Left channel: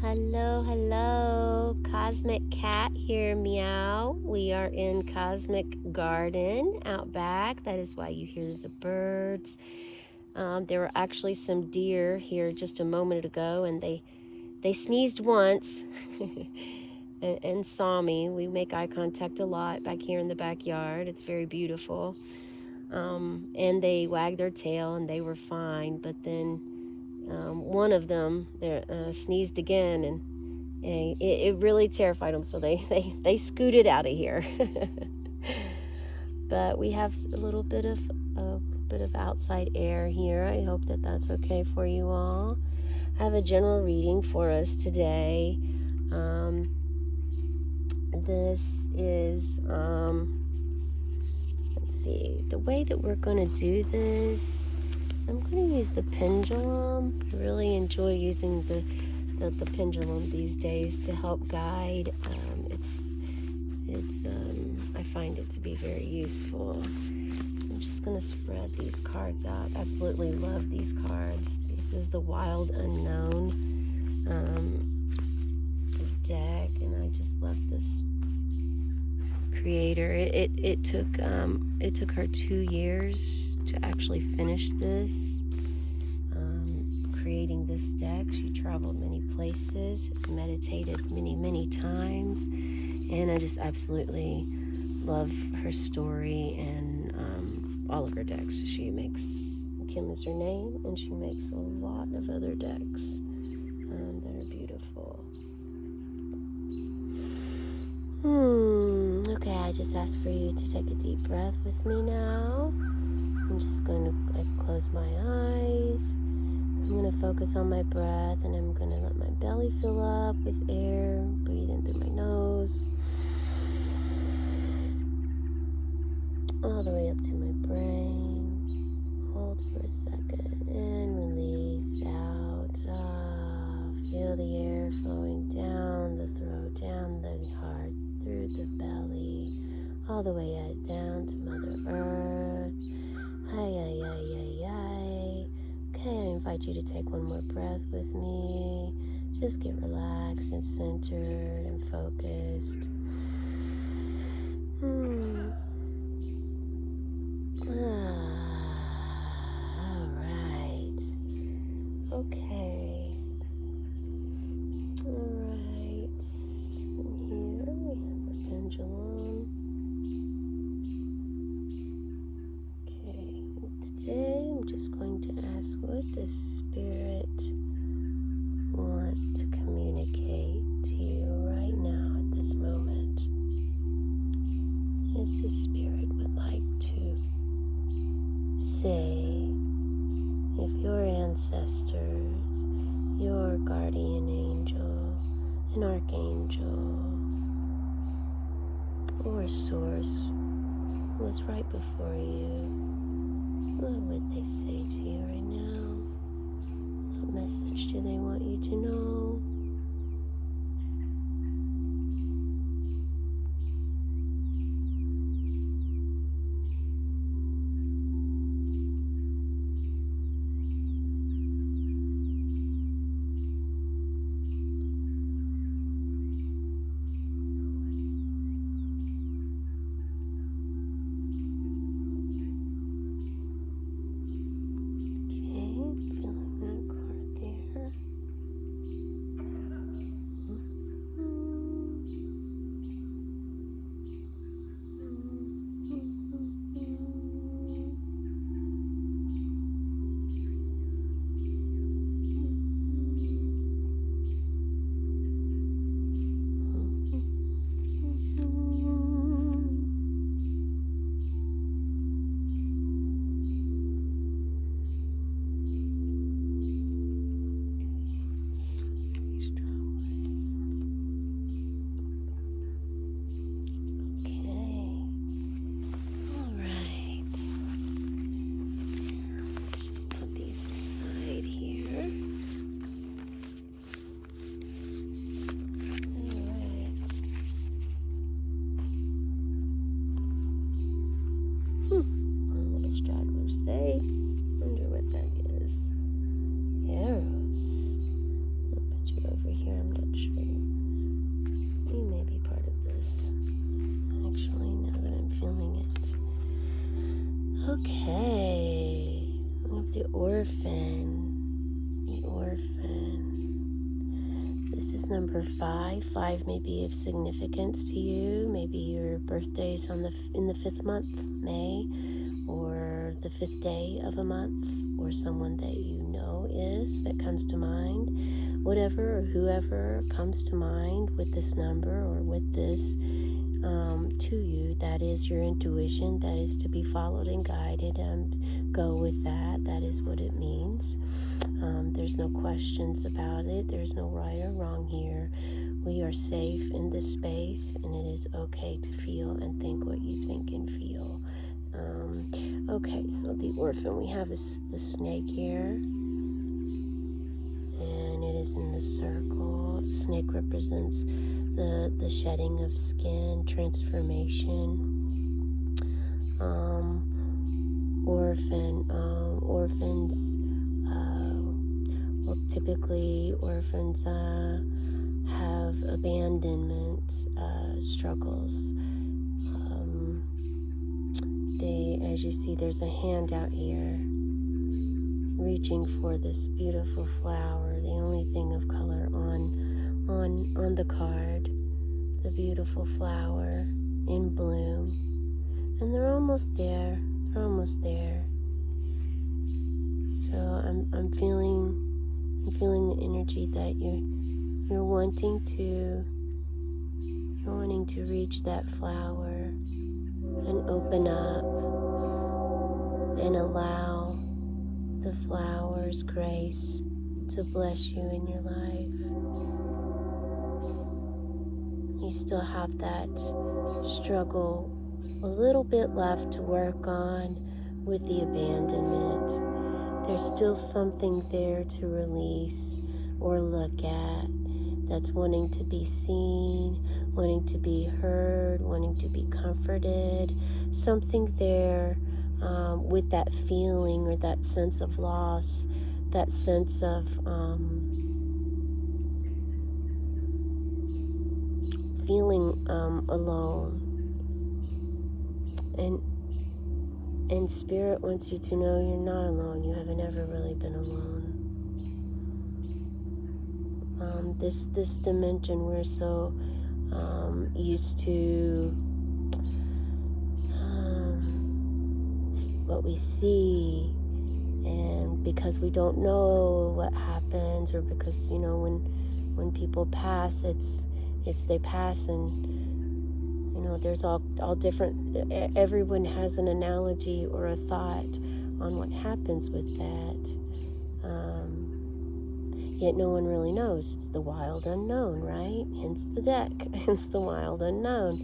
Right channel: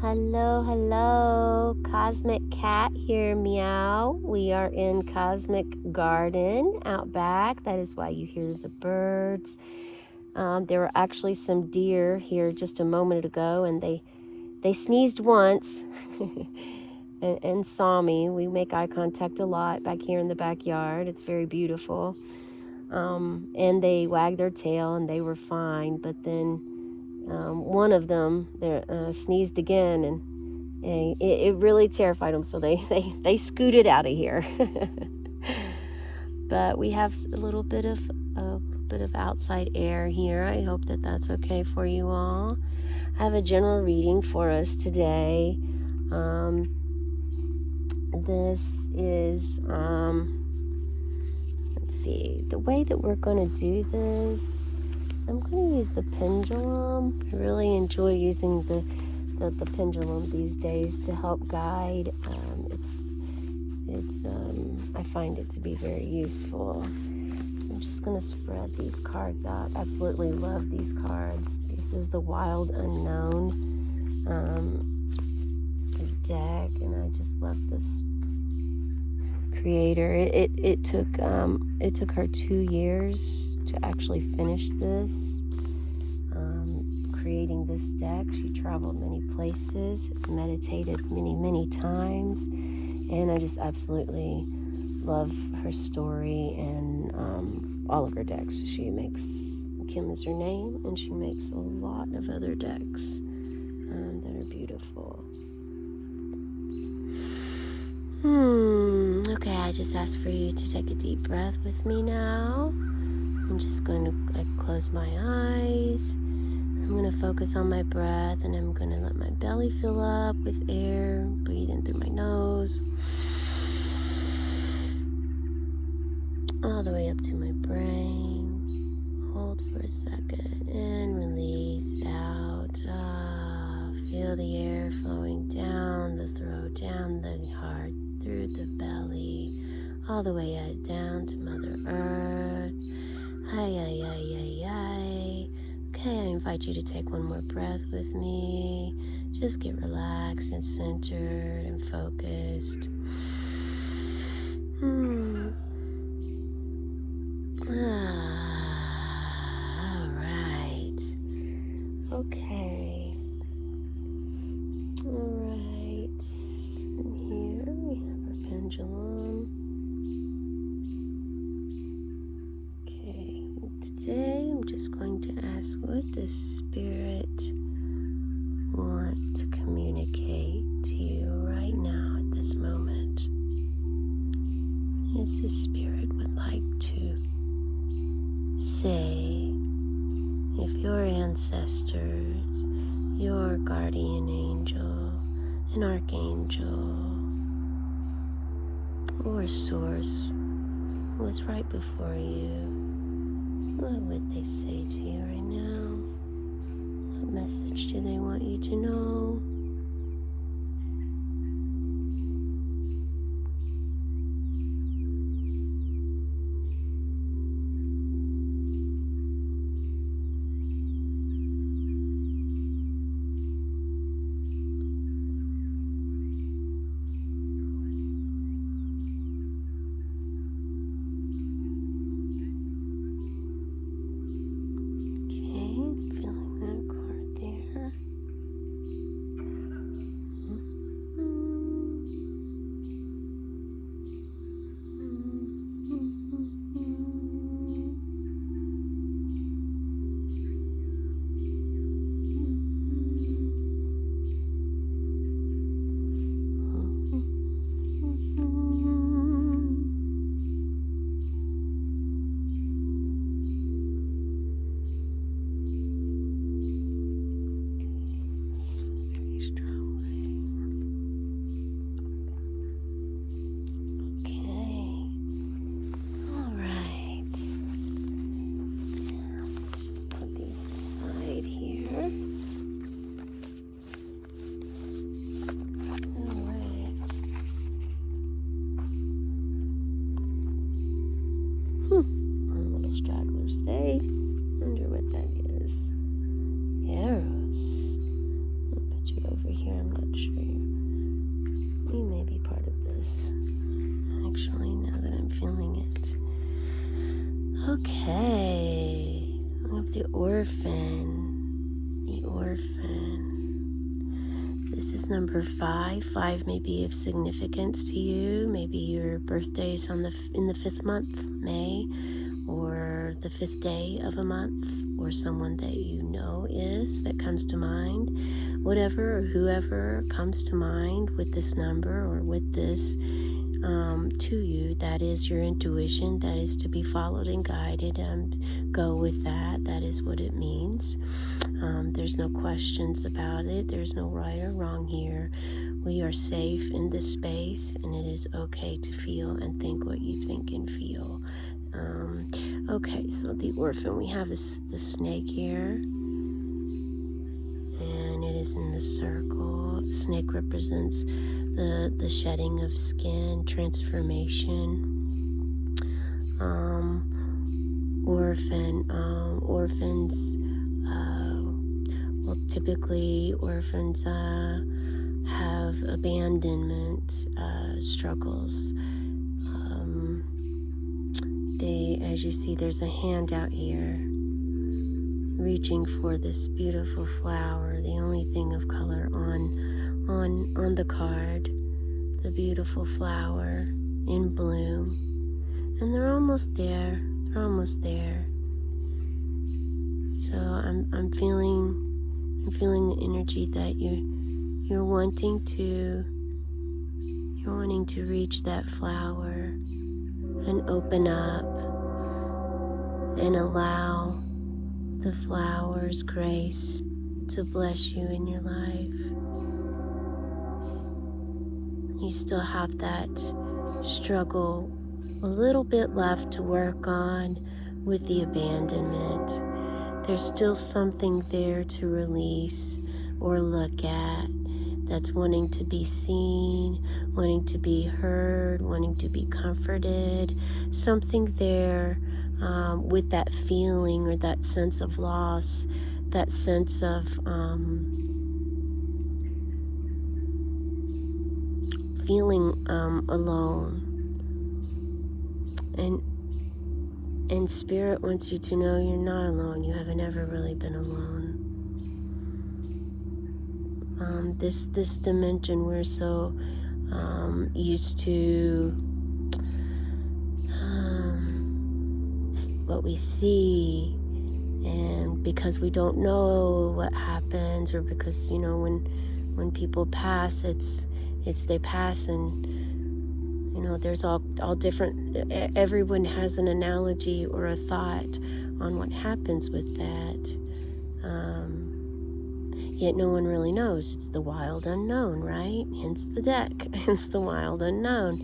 Hello, hello. Cosmic Cat here, meow. We are in Cosmic Garden out back. That is why you hear the birds. There were actually some deer here just a moment ago, and they sneezed once and saw me. We make eye contact a lot back here in the backyard. It's very beautiful. And they wagged their tail, and they were fine. But then one of them sneezed again, and it really terrified them, so they scooted out of here. But we have a little bit of outside air here. I hope that that's okay for you all. I have a general reading for us today. This is let's see, the way that we're going to do this. I'm going to use the pendulum. I really enjoy using the pendulum these days to help guide. I find it to be very useful. So I'm just going to spread these cards out. Absolutely love these cards. This is the Wild Unknown deck, and I just love this creator. It took her 2 years to actually finish this. Creating this deck, she traveled many places, meditated many times, and I just absolutely love her story and all of her decks. Kim is her name, and she makes a lot of other decks that are beautiful. Okay, I just ask for you to take a deep breath with me now. I'm just going to close my eyes. I'm going to focus on my breath, and I'm going to let my belly fill up with air. Breathe in through my nose, all the way up to my brain. Hold for a second and release out. Feel the air flowing down the throat, down the heart, through the belly, all the way down to Mother Earth. Okay, I invite you to take one more breath with me. Just get relaxed and centered and focused. All right. Okay. All right. And here we have our pendulum. Today I'm just going to ask, what does Spirit want to communicate to you right now at this moment? As the Spirit would like to say, if your ancestors, your guardian angel, an archangel, or source was right before you, what would they say to you right now? What message do they want you to know? 5. 5 may be of significance to you. Maybe your birthday is in the 5th month, May, or the 5th day of a month, or someone that you know that comes to mind. Whatever or whoever comes to mind with this number or with this to you, that is your intuition. That is to be followed and guided, and go with that. That is what it means. There's no questions about it. There's no right or wrong here. We are safe in this space, and it is okay to feel and think what you think and feel. Okay, so the orphan, we have the snake here, and it is in the circle. Snake represents the shedding of skin, transformation. Orphans, typically orphans have abandonment struggles. As you see, there's a hand out here reaching for this beautiful flower, the only thing of color on the card, the beautiful flower in bloom. And they're almost there. They're almost there. So I'm feeling the energy that you're wanting to reach that flower and open up and allow the flower's grace to bless you in your life. You still have that struggle a little bit left to work on with the abandonment. There's still something there to release or look at that's wanting to be seen, wanting to be heard, wanting to be comforted. Something there with that feeling or that sense of loss, that sense of feeling alone. And Spirit wants you to know you're not alone. You haven't ever really been alone. This dimension, we're so used to what we see, and because we don't know what happens, or because when people pass, it's they pass, and there's all different. Everyone has an analogy or a thought on what happens with that. Yet no one really knows. It's the wild unknown, right? Hence the deck. Hence the wild unknown.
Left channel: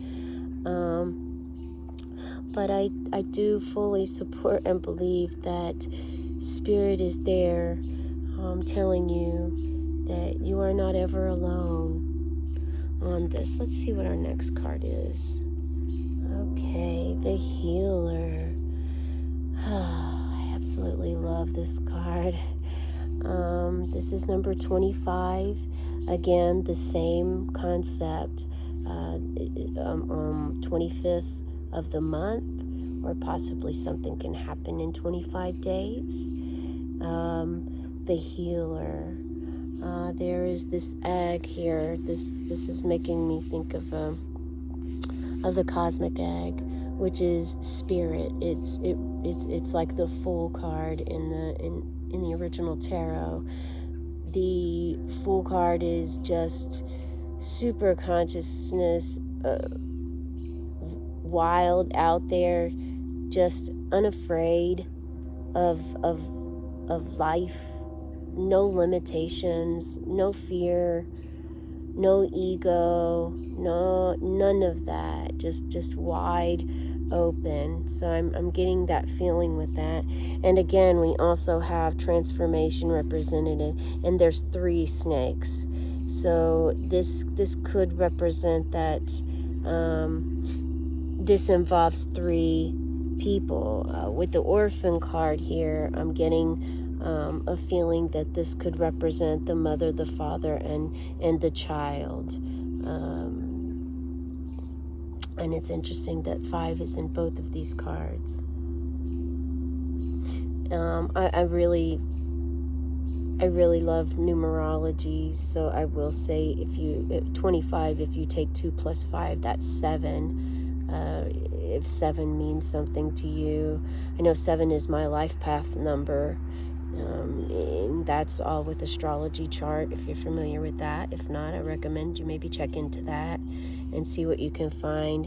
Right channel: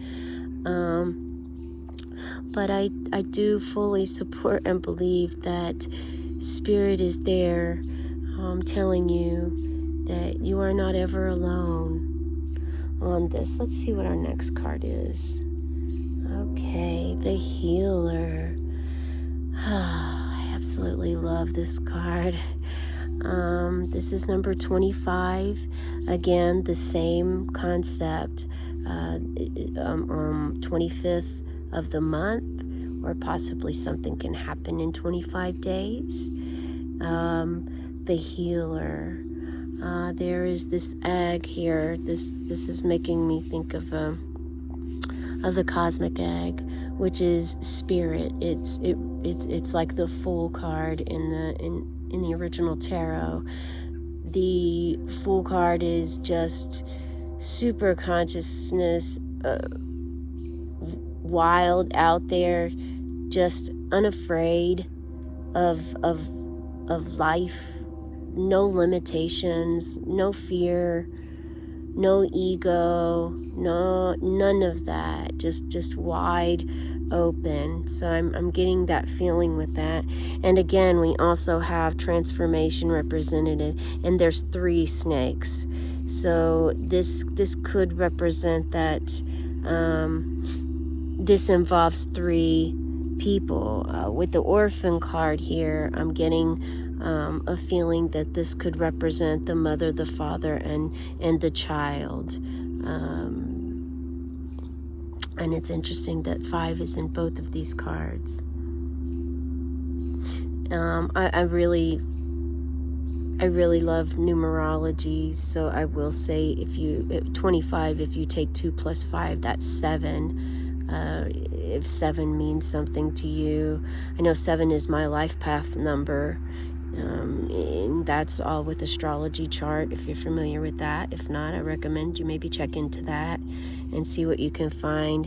But I do fully support and believe that Spirit is there, telling you that you are not ever alone on this. Let's see what our next card is. Okay, the Healer. I absolutely love this card. This is number 25. Again, the same concept. 25th of the month, or possibly something can happen in 25 days. The Healer. There is this egg here. This is making me think of the cosmic egg, which is Spirit. It's like the Fool card in the original tarot. The Fool card is just super consciousness, wild out there, just unafraid of life, no limitations, no fear, no ego, none of that, just wide open. So I'm getting that feeling with that. And again, we also have transformation represented, and there's 3 snakes. So this could represent that this involves 3 people. With the Orphan card here, I'm getting a feeling that this could represent the mother, the father, and the child. And it's interesting that 5 is in both of these cards. I really love numerology, so I will say if you 25, if you take 2 plus 5, that's 7. If 7 means something to you, I know 7 is my life path number, and that's all with astrology chart. If you're familiar with that, if not, I recommend you maybe check into that and see what you can find.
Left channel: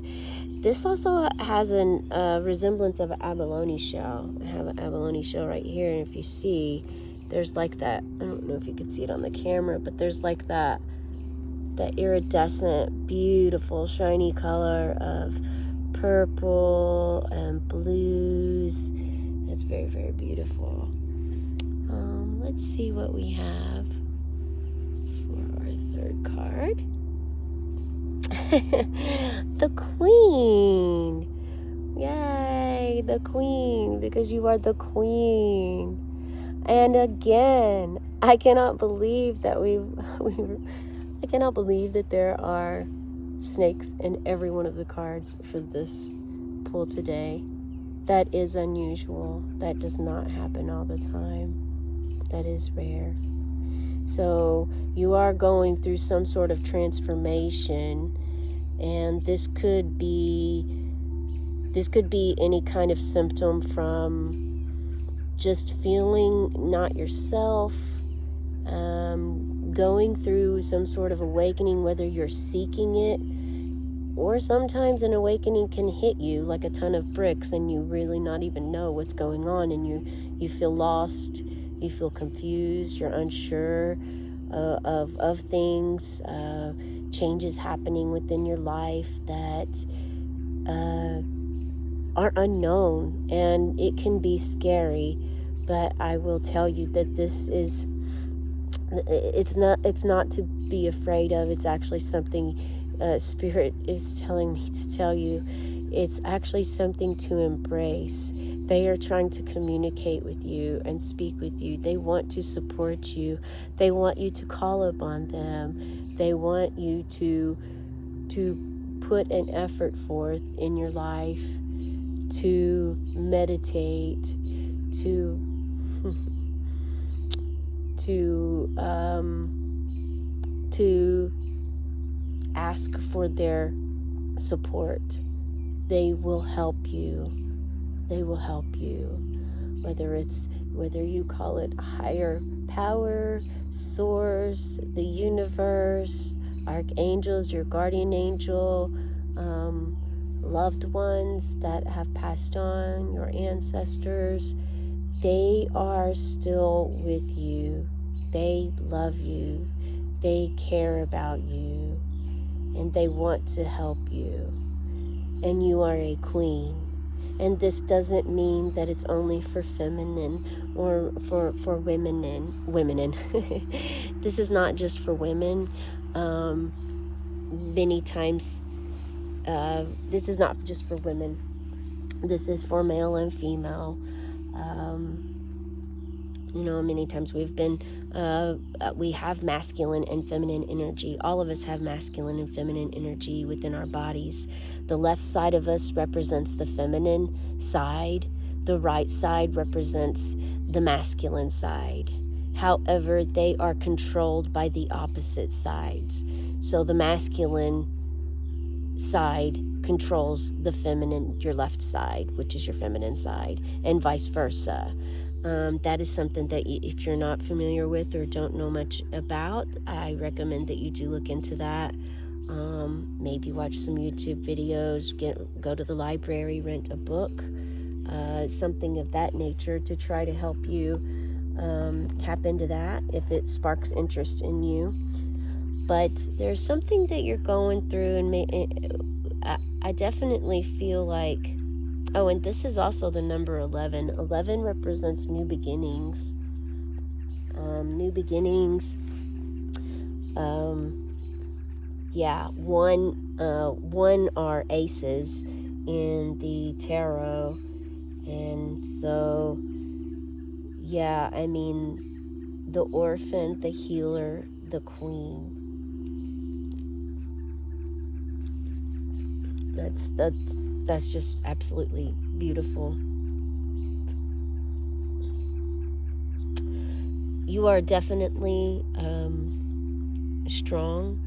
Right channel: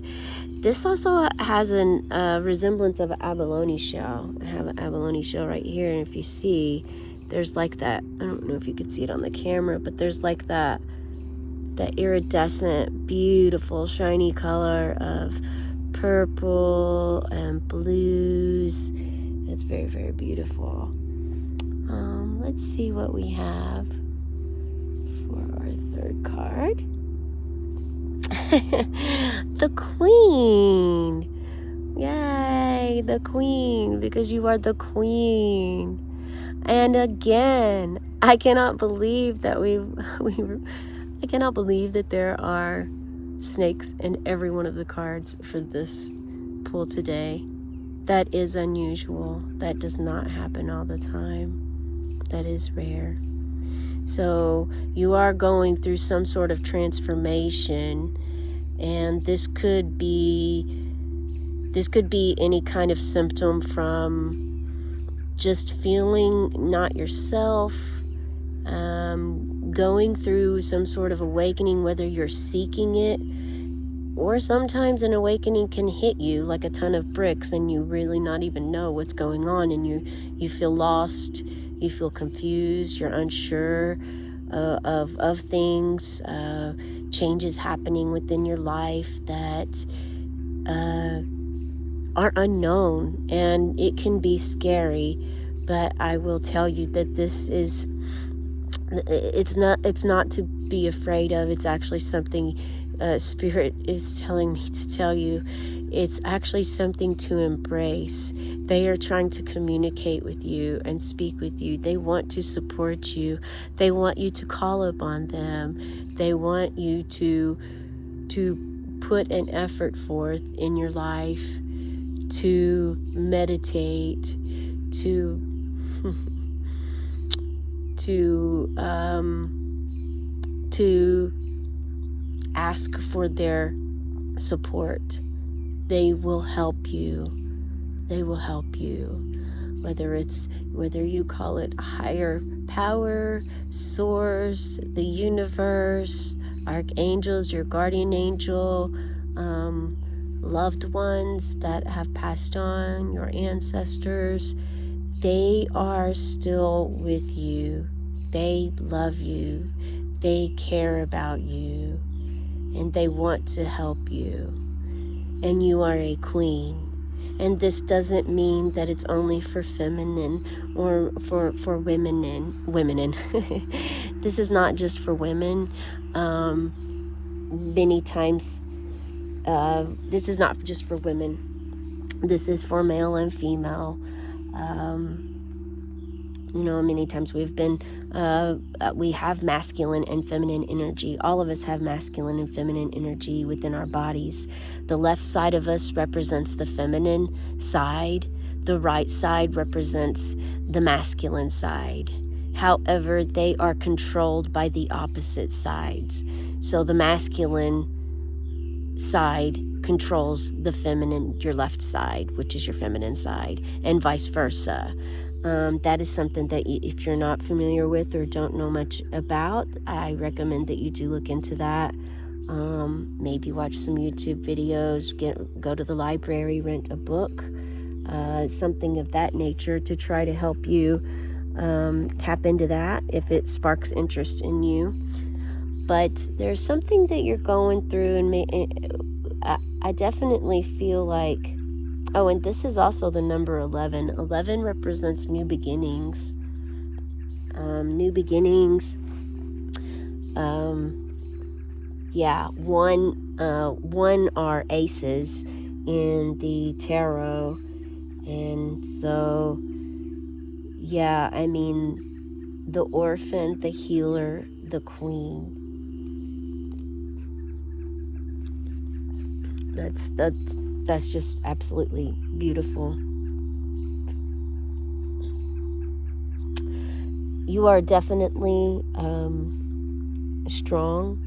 This also has a resemblance of an abalone shell. I have an abalone shell right here, and if you see, there's like that, I don't know if you can see it on the camera, but there's like that iridescent, beautiful, shiny color of purple and blues. It's very, very beautiful. Let's see what we have for our third card. The Queen. Yay, the Queen, because you are the Queen. And again, I cannot believe that I cannot believe that there are snakes in every one of the cards for this pull today. That is unusual. That does not happen all the time. That is rare. So you are going through some sort of transformation, and this could be any kind of symptom from just feeling not yourself, going through some sort of awakening, whether you're seeking it, or sometimes an awakening can hit you like a ton of bricks and you really not even know what's going on, and you feel lost, you feel confused, you're unsure of things, changes happening within your life that are unknown, and it can be scary. But I will tell you that it's not to be afraid of. It's actually something Spirit is telling me to tell you. It's actually something to embrace. They are trying to communicate with you and speak with you. They want to support you. They want you to call upon them. They want you to put an effort forth in your life, to meditate, to ask for their support. They will help you. They will help you. Whether you call it higher power, source, the universe, archangels, your guardian angel, loved ones that have passed on, your ancestors, they are still with you. They love you. They care about you. And they want to help you. And you are a queen. And this doesn't mean that it's only for feminine or for women. This is not just for women. Many times, this is not just for women. This is for male and female. Many times we have masculine and feminine energy. All of us have masculine and feminine energy within our bodies. The left side of us represents the feminine side. The right side represents the masculine side. However, they are controlled by the opposite sides. So the masculine side controls the feminine, your left side, which is your feminine side, and vice versa. That is something that if you're not familiar with or don't know much about, I recommend that you do look into that. Maybe watch some YouTube videos, go to the library, rent a book, something of that nature to try to help you tap into that if it sparks interest in you. But there's something that you're going through, and I definitely feel like, oh, and this is also the number 11. 11 represents new beginnings. New beginnings. One are aces in the tarot. And so, the orphan, the healer, the queen. That's just absolutely beautiful. You are definitely strong.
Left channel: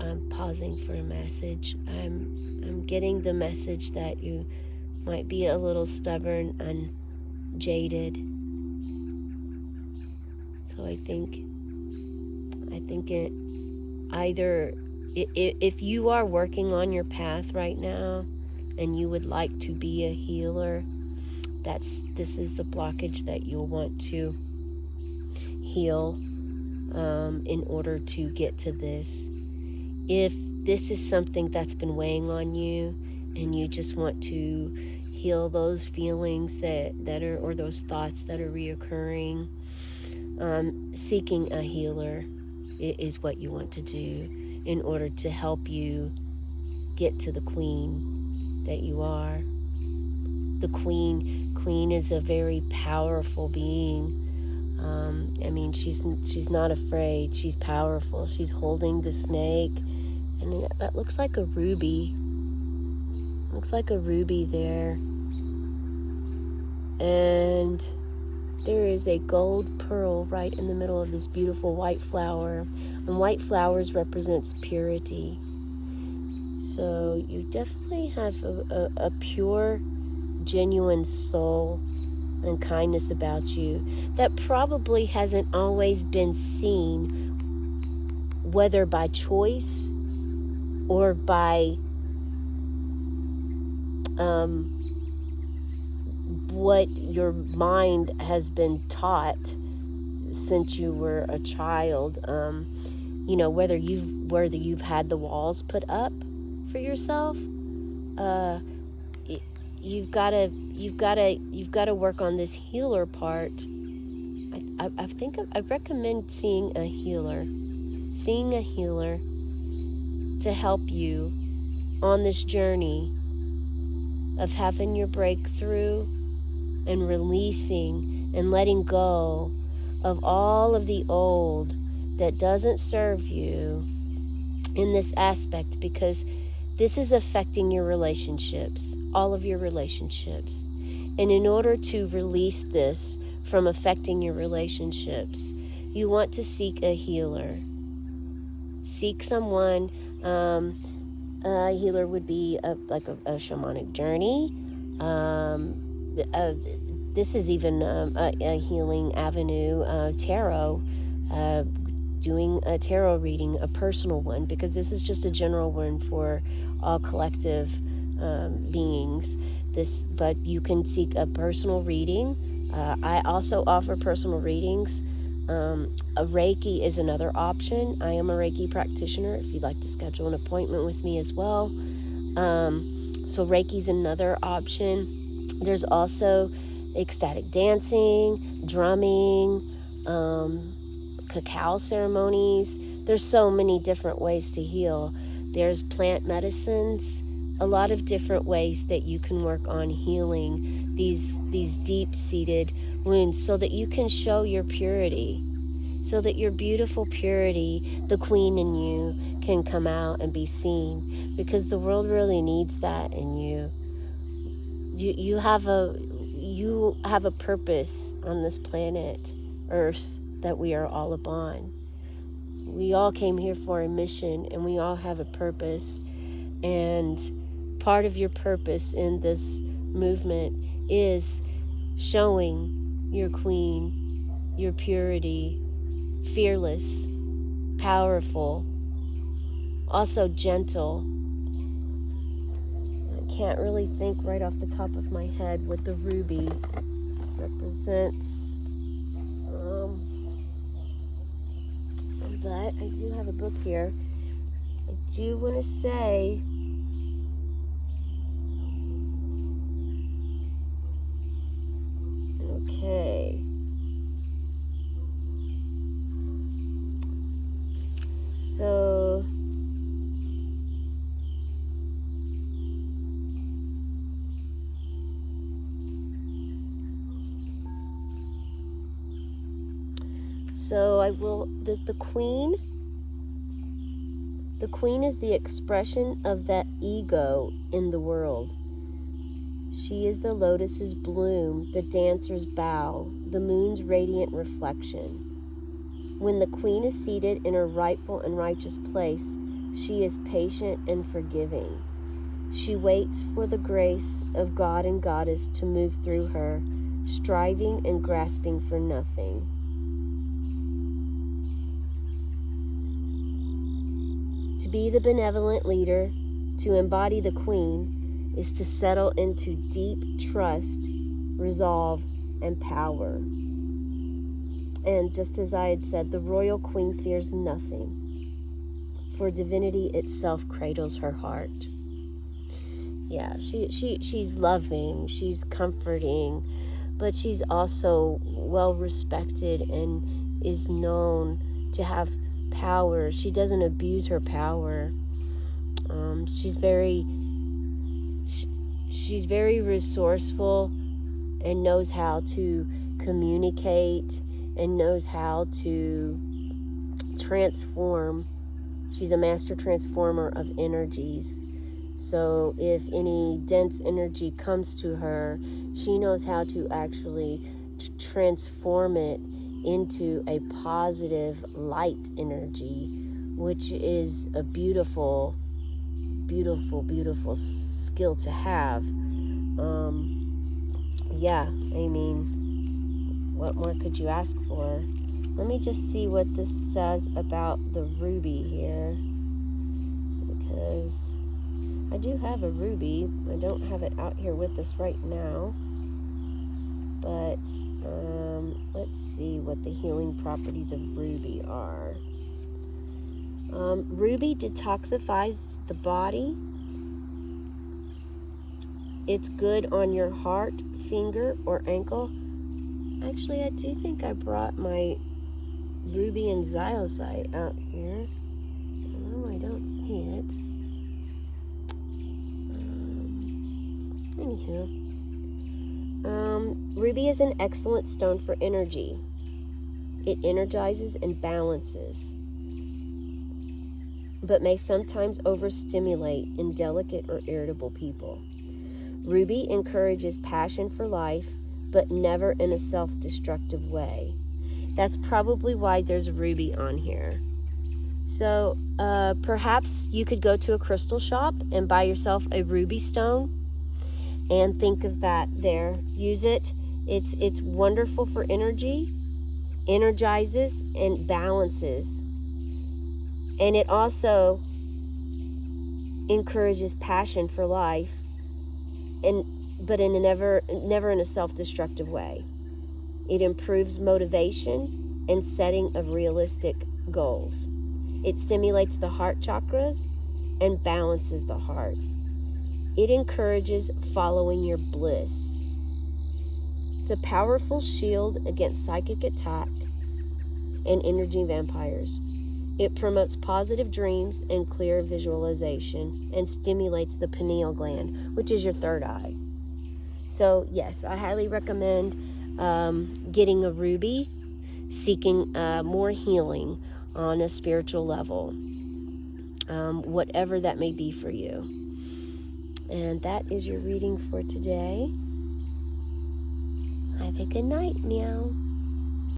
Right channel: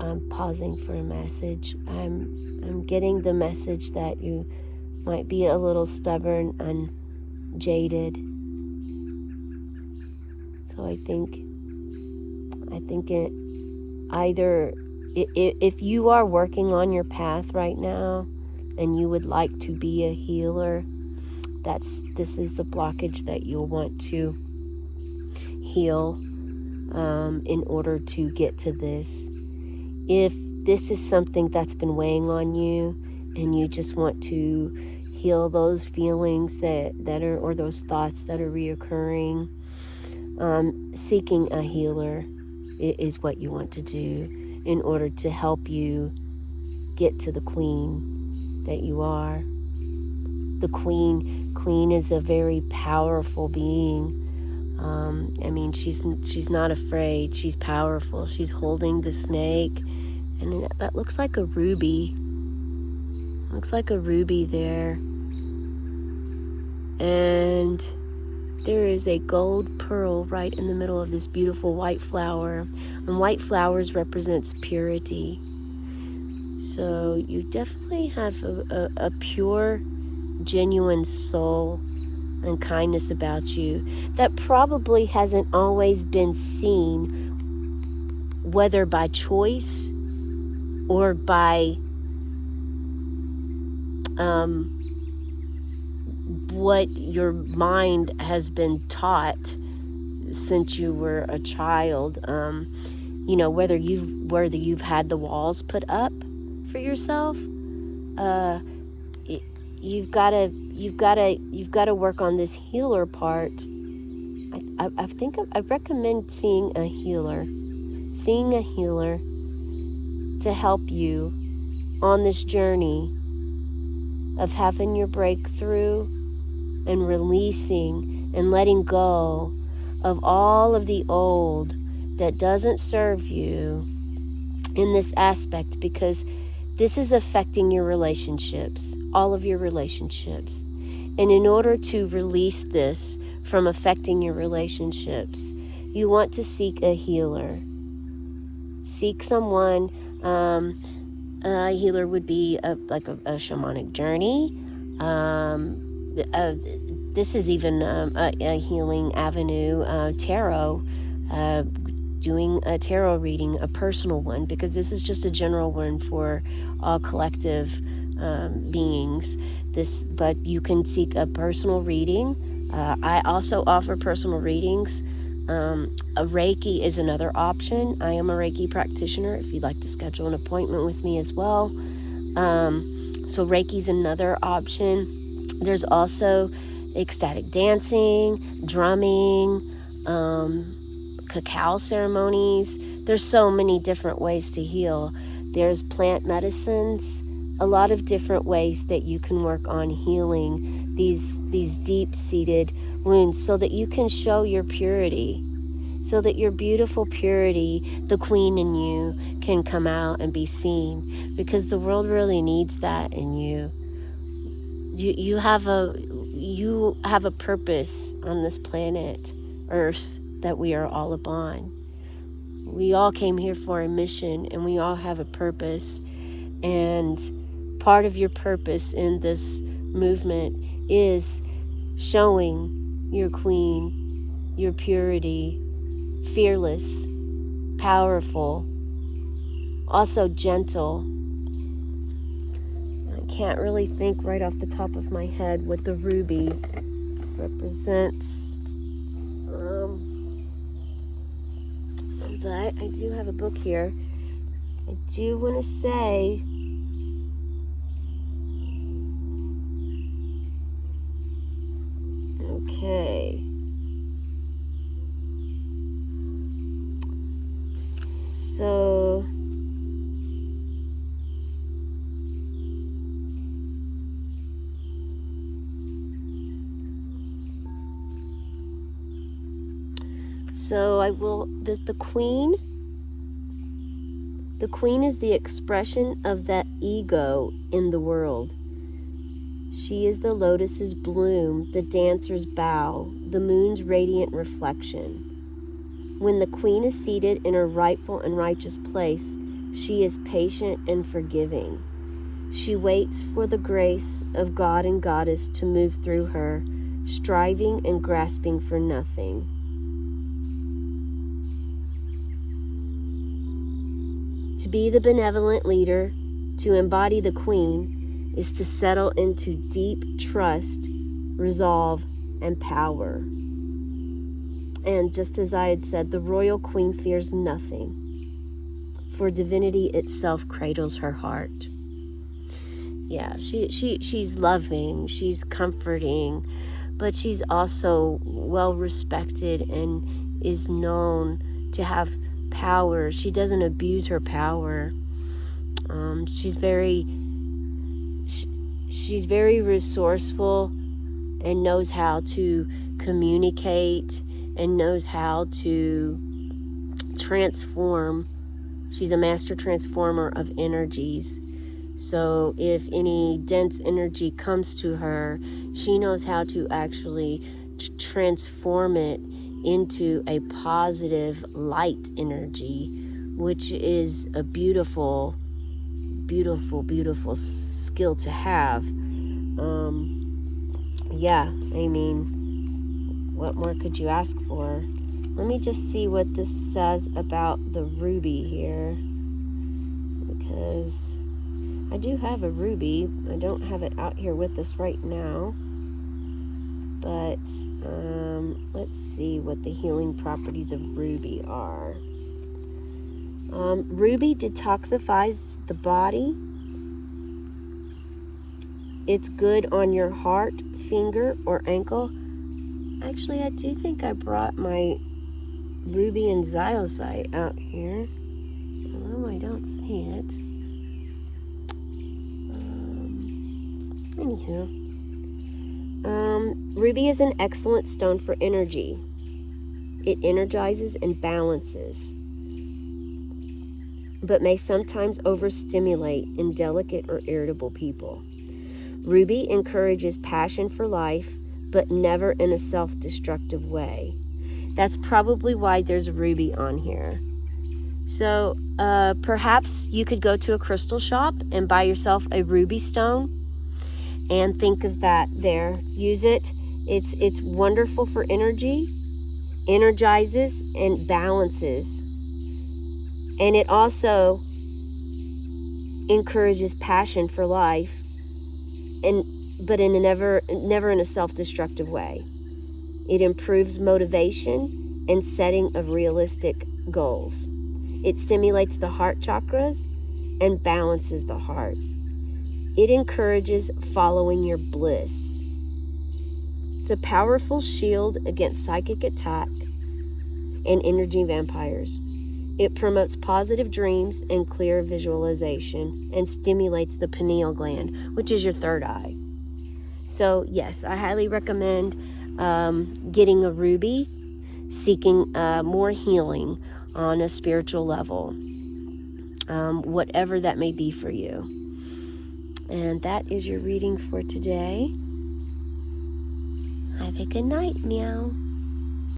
I'm pausing for a message. I'm getting the message that you might be a little stubborn and jaded. So I think it either if you are working on your path right now and you would like to be a healer, this is the blockage that you'll want to heal in order to get to this. If this is something that's been weighing on you and you just want to heal those feelings that are, or those thoughts that are reoccurring, seeking a healer is what you want to do in order to help you get to the queen that you are. The queen is a very powerful being. She's not afraid. She's powerful. She's holding the snake, and that looks like a ruby. Looks like a ruby there. And there is a gold pearl right in the middle of this beautiful white flower. And white flowers represents purity. So you definitely have a pure, genuine soul and kindness about you that probably hasn't always been seen, whether by choice or by what your mind has been taught since you were a child. Whether you've had the walls put up for yourself. You've got to work on this healer part. I recommend seeing a healer to help you on this journey of having your breakthrough and releasing and letting go of all of the old that doesn't serve you in this aspect, because this is affecting your relationships, all of your relationships. And in order to release this from affecting your relationships, you want to seek a healer. Seek someone. A healer would be like a shamanic journey. This is even a healing avenue, tarot, doing a tarot reading, a personal one, because this is just a general one for all collective beings. But you can seek a personal reading. I also offer personal readings. A Reiki is another option. I am a Reiki practitioner if you'd like to schedule an appointment with me as well. So Reiki is another option. There's also ecstatic dancing, drumming, cacao ceremonies. There's so many different ways to heal. There's plant medicines, a lot of different ways that you can work on healing these deep-seated wounds so that you can show your purity, so that your beautiful purity, the queen in you, can come out and be seen, because the world really needs that in you. You have a purpose on this planet Earth that we are all upon. We all came here for a mission, and we all have a purpose. And part of your purpose in this movement is showing your queen, your purity, fearless, powerful, also gentle. I can't really think right off the top of my head what the ruby represents. But I do have a book here. I do want to say okay. So I will, the queen The queen is the expression of that ego in the world. She is the lotus's bloom, the dancer's bow, the moon's radiant reflection. When the queen is seated in her rightful and righteous place, she is patient and forgiving. She waits for the grace of God and Goddess to move through her, striving and grasping for nothing. To be the benevolent leader, to embody the queen, is to settle into deep trust, resolve, and power. And just as I had said, the royal queen fears nothing, for divinity itself cradles her heart. Yeah, she's loving, she's comforting, but she's also well respected and is known to have power. She doesn't abuse her power. She's very resourceful and knows how to communicate and knows how to transform. She's a master transformer of energies. So if any dense energy comes to her, she knows how to actually transform it into a positive light energy, which is a beautiful, beautiful, beautiful skill to have. Yeah, I mean, what more could you ask for? Let me just see what this says about the ruby here, because I do have a ruby. I don't have it out here with us right now, but let's see what the healing properties of ruby are. Ruby detoxifies the body. It's good on your heart, finger, or ankle. Actually, I do think I brought my ruby and ziosite out here. Oh, I don't see it. Anywho. Ruby is an excellent stone for energy. It energizes and balances, but may sometimes overstimulate in delicate or irritable people. Ruby encourages passion for life, but never in a self-destructive way. That's probably why there's a ruby on here. So perhaps you could go to a crystal shop and buy yourself a ruby stone and think of that there. Use it. It's wonderful for energy, energizes and balances. And it also encourages passion for life, but in a never in a self-destructive way. It improves motivation and setting of realistic goals. It stimulates the heart chakras and balances the heart. It encourages following your bliss. It's a powerful shield against psychic attack and energy vampires. It promotes positive dreams and clear visualization and stimulates the pineal gland, which is your third eye. So yes, I highly recommend getting a ruby, seeking more healing on a spiritual level, whatever that may be for you. And that is your reading for today. Have a good night, meow.